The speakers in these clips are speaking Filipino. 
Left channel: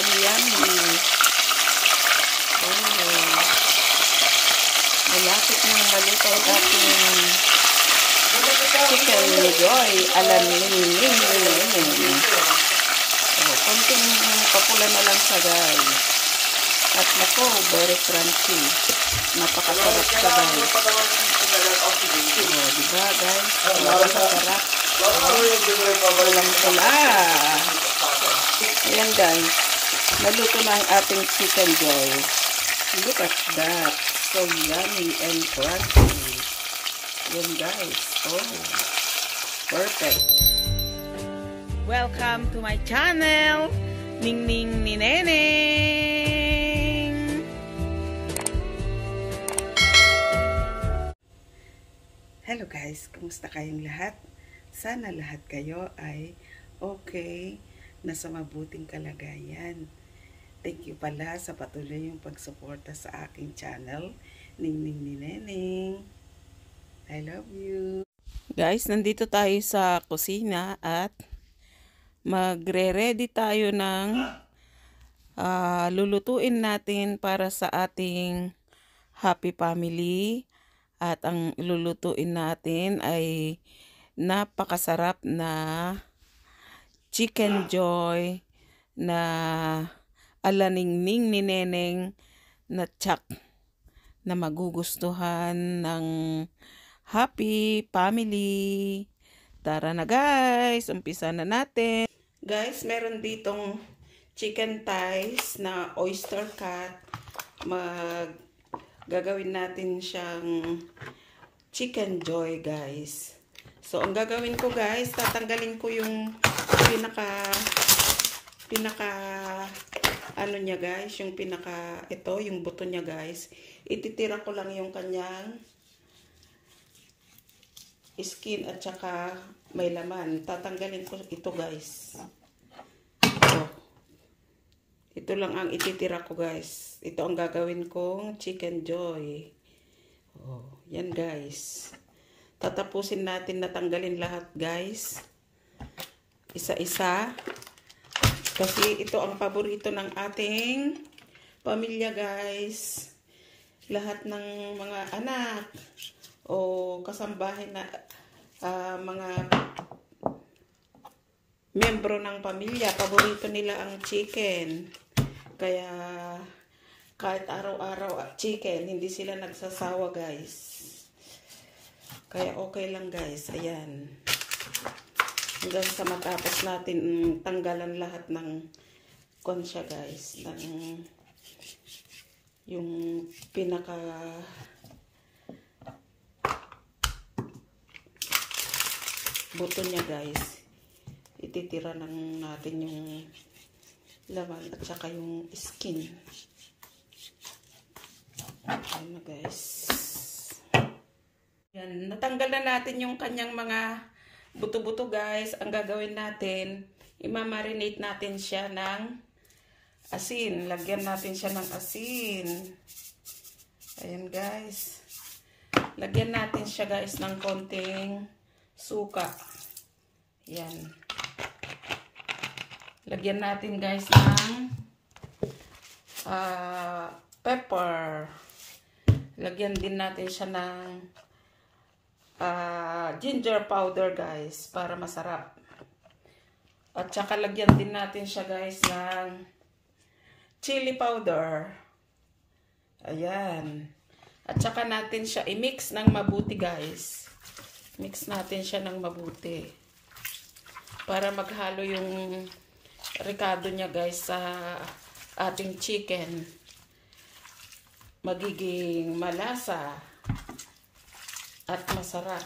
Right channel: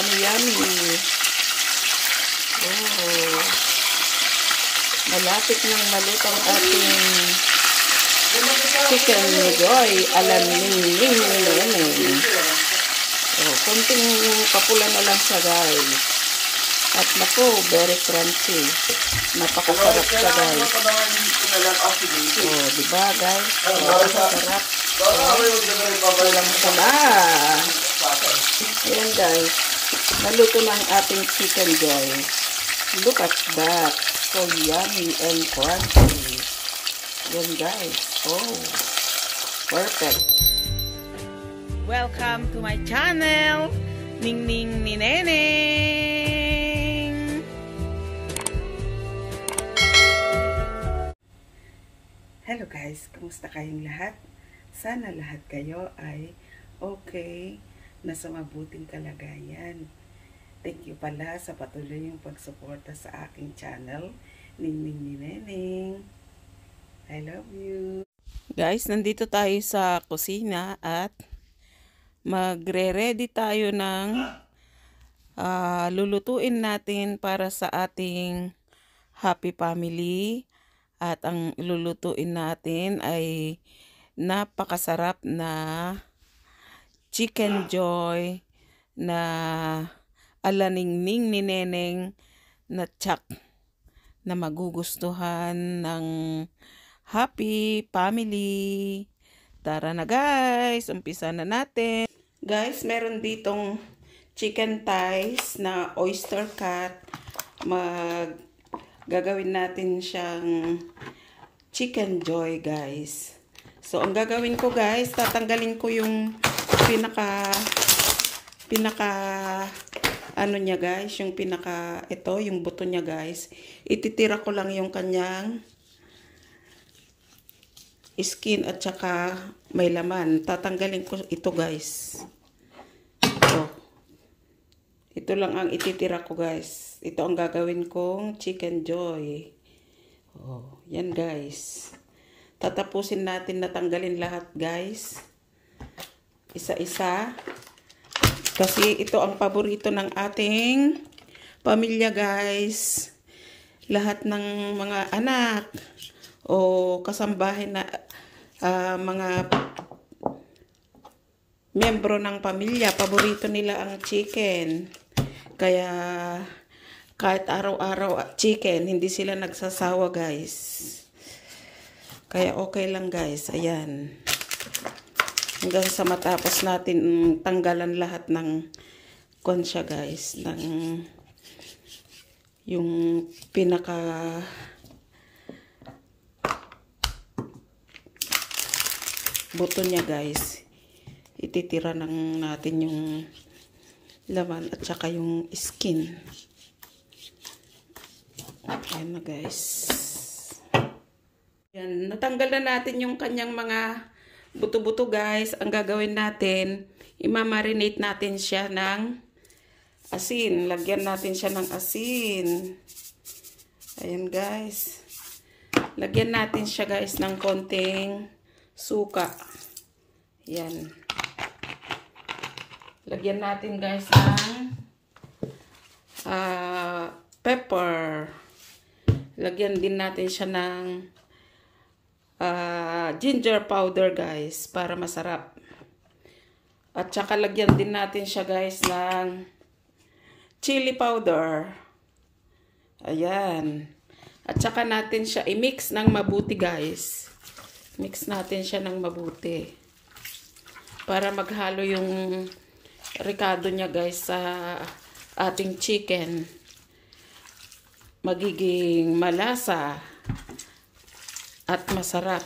yummy yummy. Oh, malapit nang maluto ang ating chicken joy alam Ningning ni Neneng. Oh, konting papula na lang siya guys. At nako, very crunchy. Napakasarap siya guys. Oh, diba guys? Napakasarap. Pulang-pula. Ayan guys. Naluto na ang ating chicken joy. Look at that. So yummy and crunchy. Ayan guys. Oh, perfect. Welcome to my channel. Ningning ni Neneng. Hello guys, kumusta kayong lahat? Sana lahat kayo ay okay, nasa mabuting kalagayan. Thank you pala sa patuloy yung pagsuporta sa aking channel, Ningning ni Neneng. I love you. Guys, nandito tayo sa kusina at magre-ready tayo ng lulutuin natin para sa ating happy family. At ang lulutuin natin ay napakasarap na chicken joy na ala Ningning ni Neneng na tsak na magugustuhan ng happy family. Tara na guys, umpisa na natin. Guys, meron ditong chicken thighs na oyster cut. Gagawin natin siyang chicken joy guys. So ang gagawin ko guys, tatanggalin ko yung pinaka ano niya guys, yung ito, yung buto niya guys. Ititira ko lang yung kanyang skin at saka may laman. Tatanggalin ko ito guys. Ito lang ang ititira ko guys. Ito ang gagawin kong chicken joy. Oh, yan guys. Tatapusin natin na tanggalin lahat guys. Isa-isa. Kasi ito ang paborito ng ating pamilya guys. Lahat ng mga anak o kasambahin na mga membro ng pamilya, paborito nila ang chicken. Kaya kahit araw-araw chicken, hindi sila nagsasawa guys. Kaya okay lang guys. Ayan. Hanggang sa matapos natin tanggalan lahat ng konsya guys. Ng yung pinaka buto niya guys. Ititira lang natin yung laman at saka yung skin. Ayan na guys. Yan, natanggal na natin yung kanyang mga buto-buto guys. Ang gagawin natin, imamarinate natin siya ng asin. Lagyan natin siya ng asin. Ayan guys. Lagyan natin siya guys ng konting suka. Yan. Lagyan natin guys ng pepper. Lagyan din natin siya ng ginger powder guys para masarap. At saka lagyan din natin siya guys ng chili powder. Ayan. At saka natin siya i-mix ng mabuti guys. Mix natin siya ng mabuti. Para maghalo yung ricado niya guys sa ating chicken. Magiging malasa at masarap.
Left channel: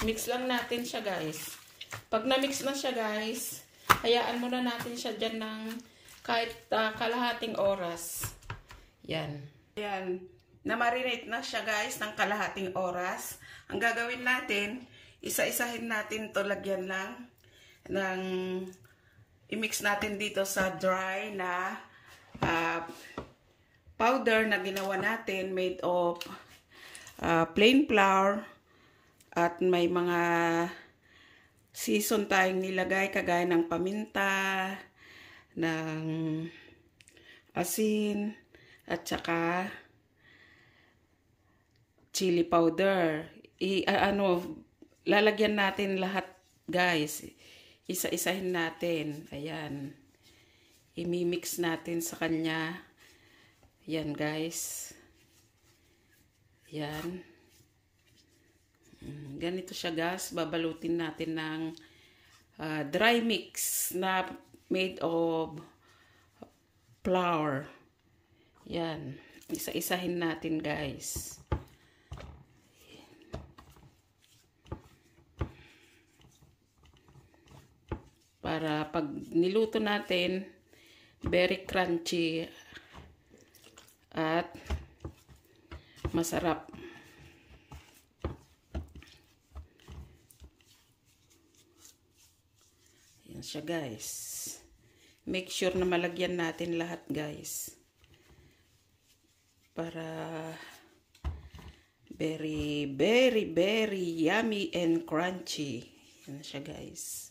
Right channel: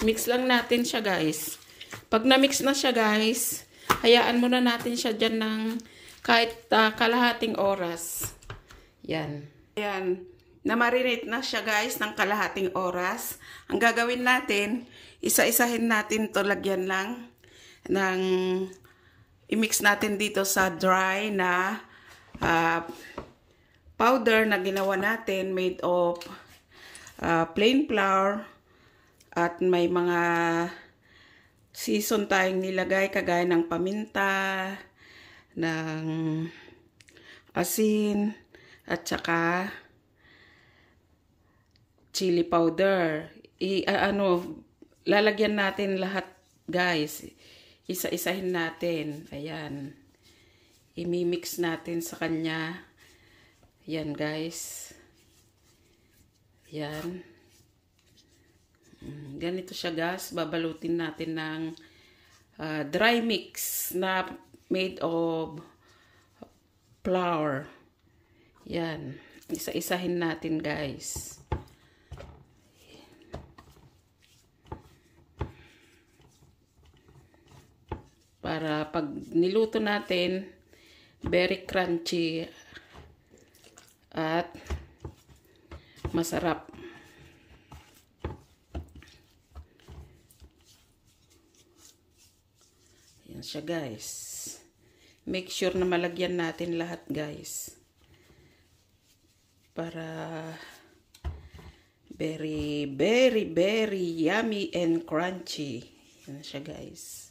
Mix lang natin siya guys. Pag na-mix na siya guys, hayaan muna natin siya dyan ng kahit kalahating oras. Yan. Yan. Na-marinate na siya guys ng kalahating oras. Ang gagawin natin, isa-isahin natin to, lagyan lang ng i-mix natin dito sa dry na powder na ginawa natin made of plain flour at may mga season tayong nilagay kagaya ng paminta, ng asin at saka chili powder. Lalagyan natin lahat, guys. Isa-isahin natin. Ayan. Imimix natin sa kanya. Ayan, guys. Ayan. Ganito siya, guys. Babalutin natin ng dry mix na made of flour. Ayan. Isa-isahin natin, guys. Para pag niluto natin, very crunchy at masarap. Yan siya, guys. Make sure na malagyan natin lahat, guys. Para very, very, very yummy and crunchy. Yan siya, guys.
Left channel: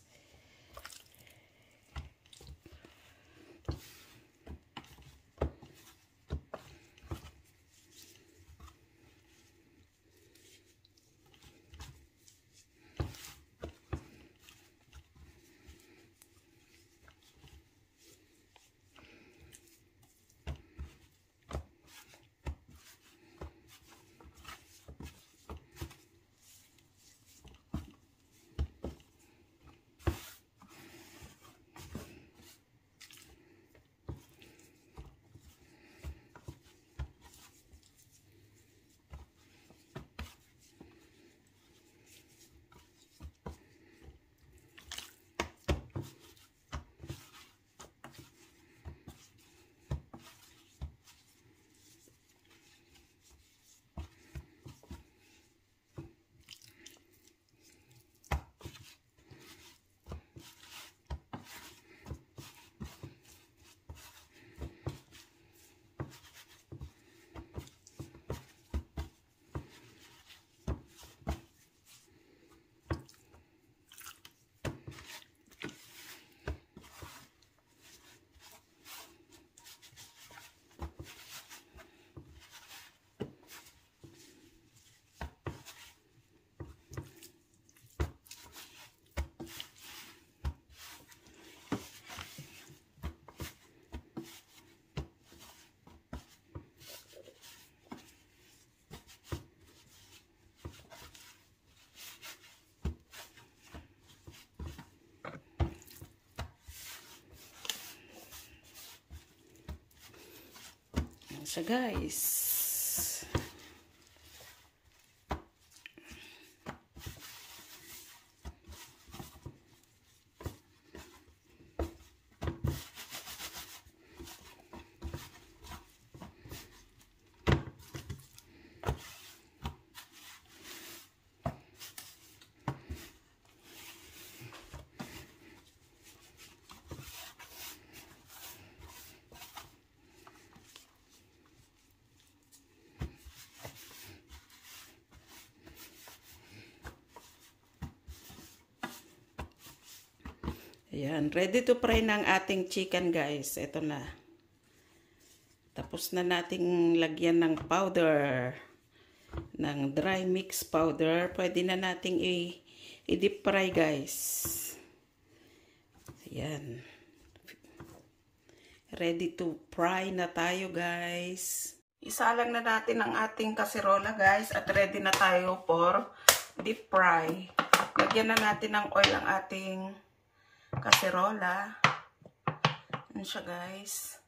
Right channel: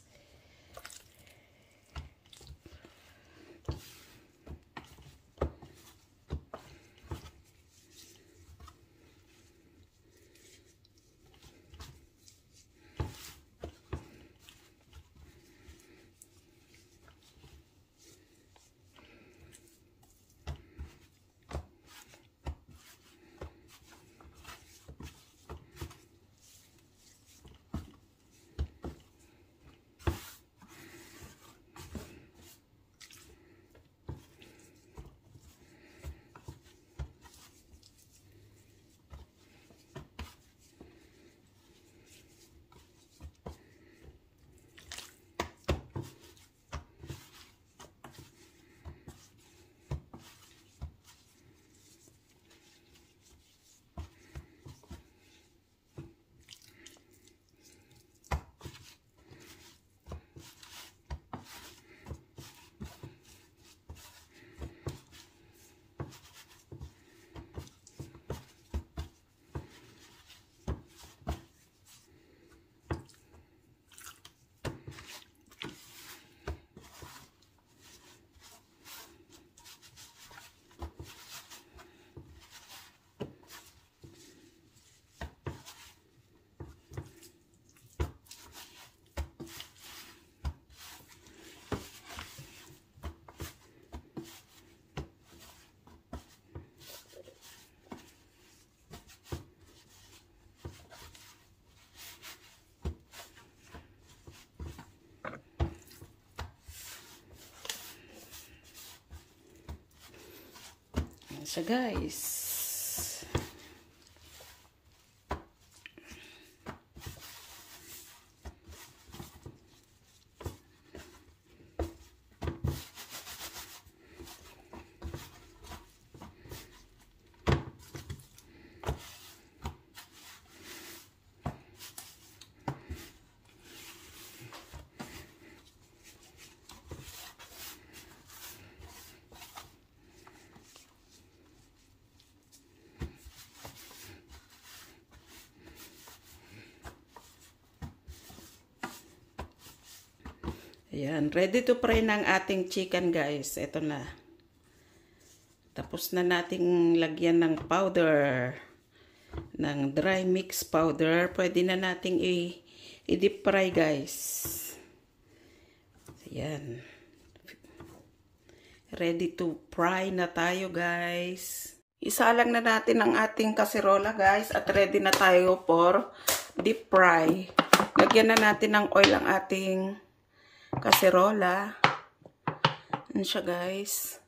Siya, guys. Ayan, ready to fry ng ating chicken, guys. Ito na. Tapos na nating lagyan ng powder, ng dry mix powder. Pwede na nating i-deep fry, guys. Ayan. Ready to fry na tayo, guys. Isalang na natin ang ating kaserola, guys. At ready na tayo for deep fry. Lagyan na natin ng oil ang ating kaserola. Yan siya, guys.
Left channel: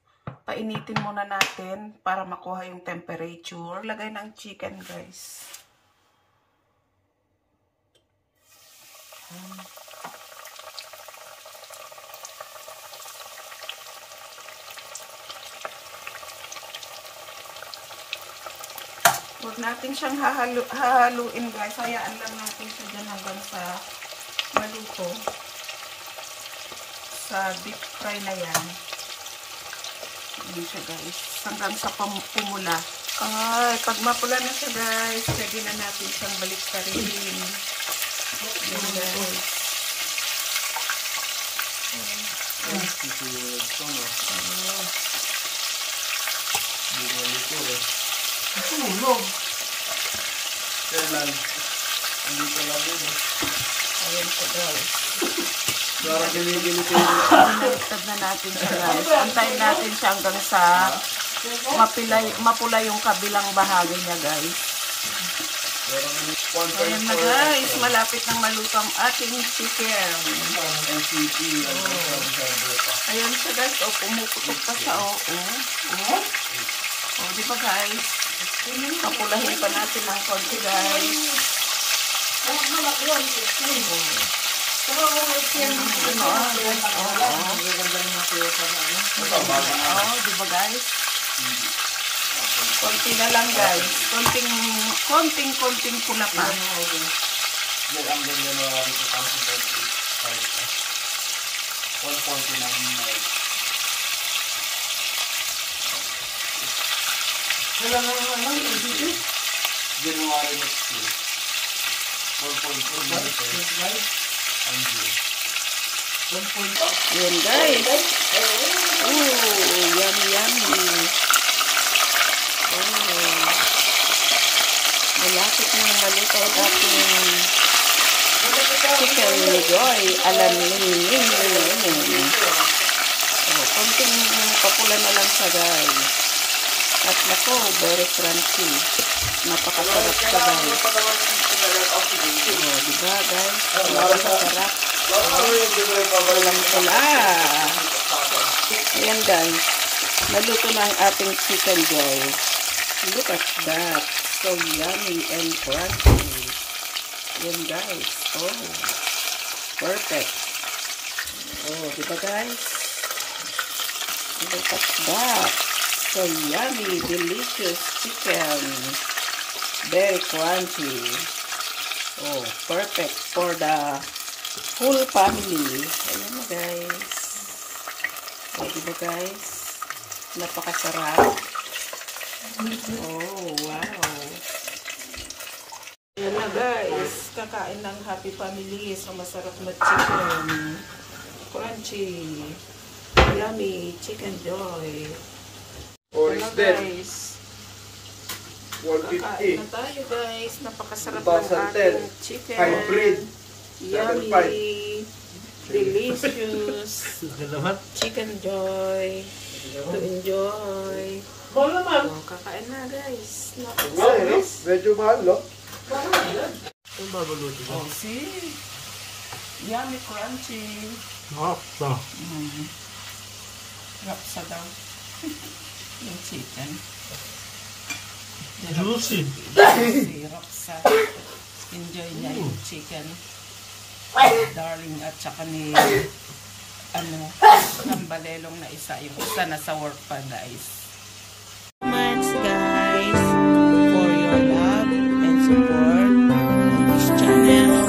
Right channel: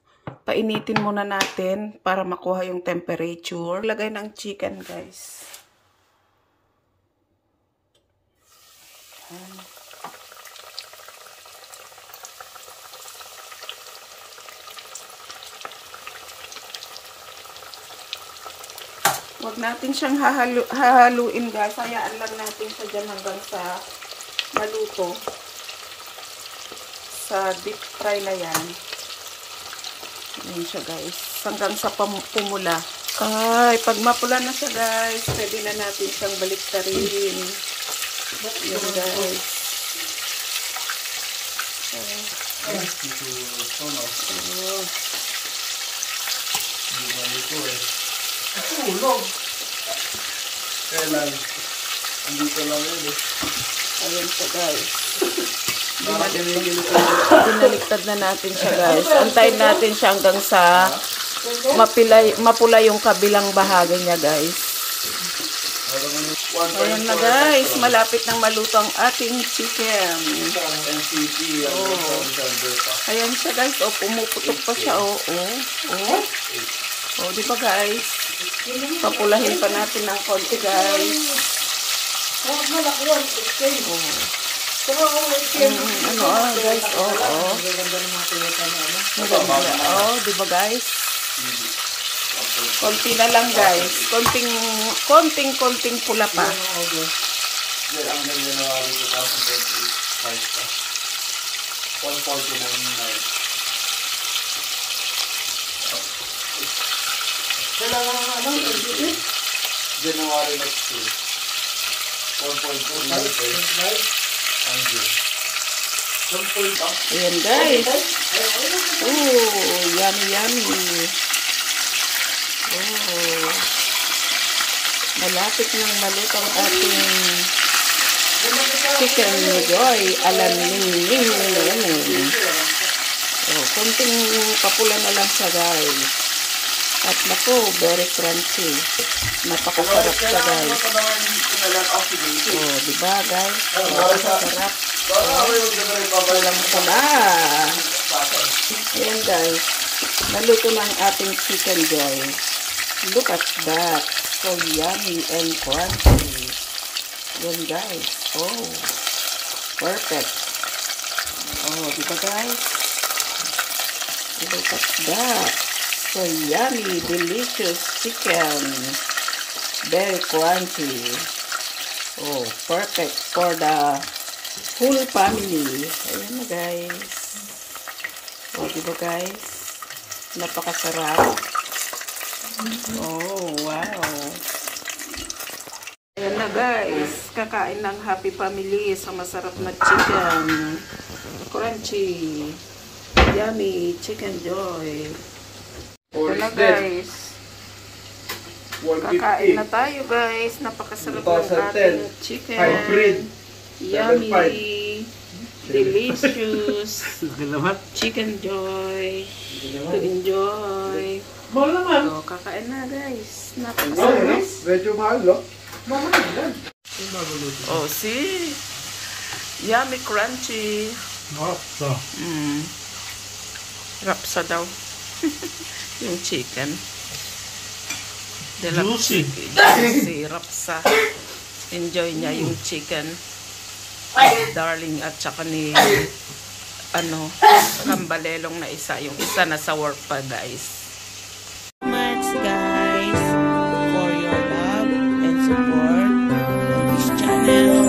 Painitin muna natin para makuha yung temperature. Lagay ng chicken, guys. Huwag natin siyang hahaluin, guys. Hayaan lang natin siya dyan hanggang sa maluto. Sa deep fry na yan. Ayan siya, guys. Hanggang sa pumula. Ay, pag mapula na siya, guys, pwede na natin siyang baliktarin. Ayan, guys. Ito na. Hindi na nito eh. Tulog. Kailan? Hindi ka lang yun eh. Ayun po guys. Parang Binaliktad na natin siya guys. Antayin natin siya hanggang sa mapula yung kabilang bahagi niya guys. Ayan na guys. Malapit nang maluto ang ating chicken. Oh. Ayan siya guys. Oh, pumuputok pa siya. Oh, oh. Oh. Oh, di ba guys? Papulahin pa natin ng konti guys. Oh, di ba guys? Konti na lang guys. Konting pula pa. January next year. 1.2. Ayan guys. Oh, yummy. Oh. Malapit nang maluto ang ating chicken joy alam ning. Oh, konting papula na lang siya guys. At nako, very crunchy. Napakasarap siya guys. Oh, diba guys? Napakasarap. Pulang-pula. Ayan guys. Naluto na ang ating chicken joy. Look at that. So yummy and crunchy. Ayan guys. Oh. Perfect. Oh, diba guys? Look at that. So yummy, delicious chicken. Very crunchy. Oh, perfect for the whole family. Ayan na guys. Oh, diba guys? Napakasarap. Oh, wow. Ayan na guys. Kakain ng happy family sa masarap na chicken. Crunchy. Yummy chicken joy. Ito na guys. Kakain na tayo guys. Napakasarap ng ating chicken. Yummy. Delicious. Chicken joy. To enjoy. So, kakain na guys. Napakasarap. Medyo mahal, no? Oh, see? Yummy, crunchy. Rapsa. Rapsa daw. Yung chicken. Juicy. Juicy. Rapsa. Enjoy niya yung chicken. Darling at saka ni kambalelong na isa. Yung isa na sa work pa guys. Much guys for your love and support on this channel.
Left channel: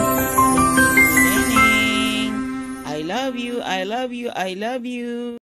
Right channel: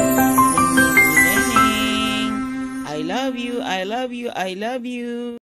I love you.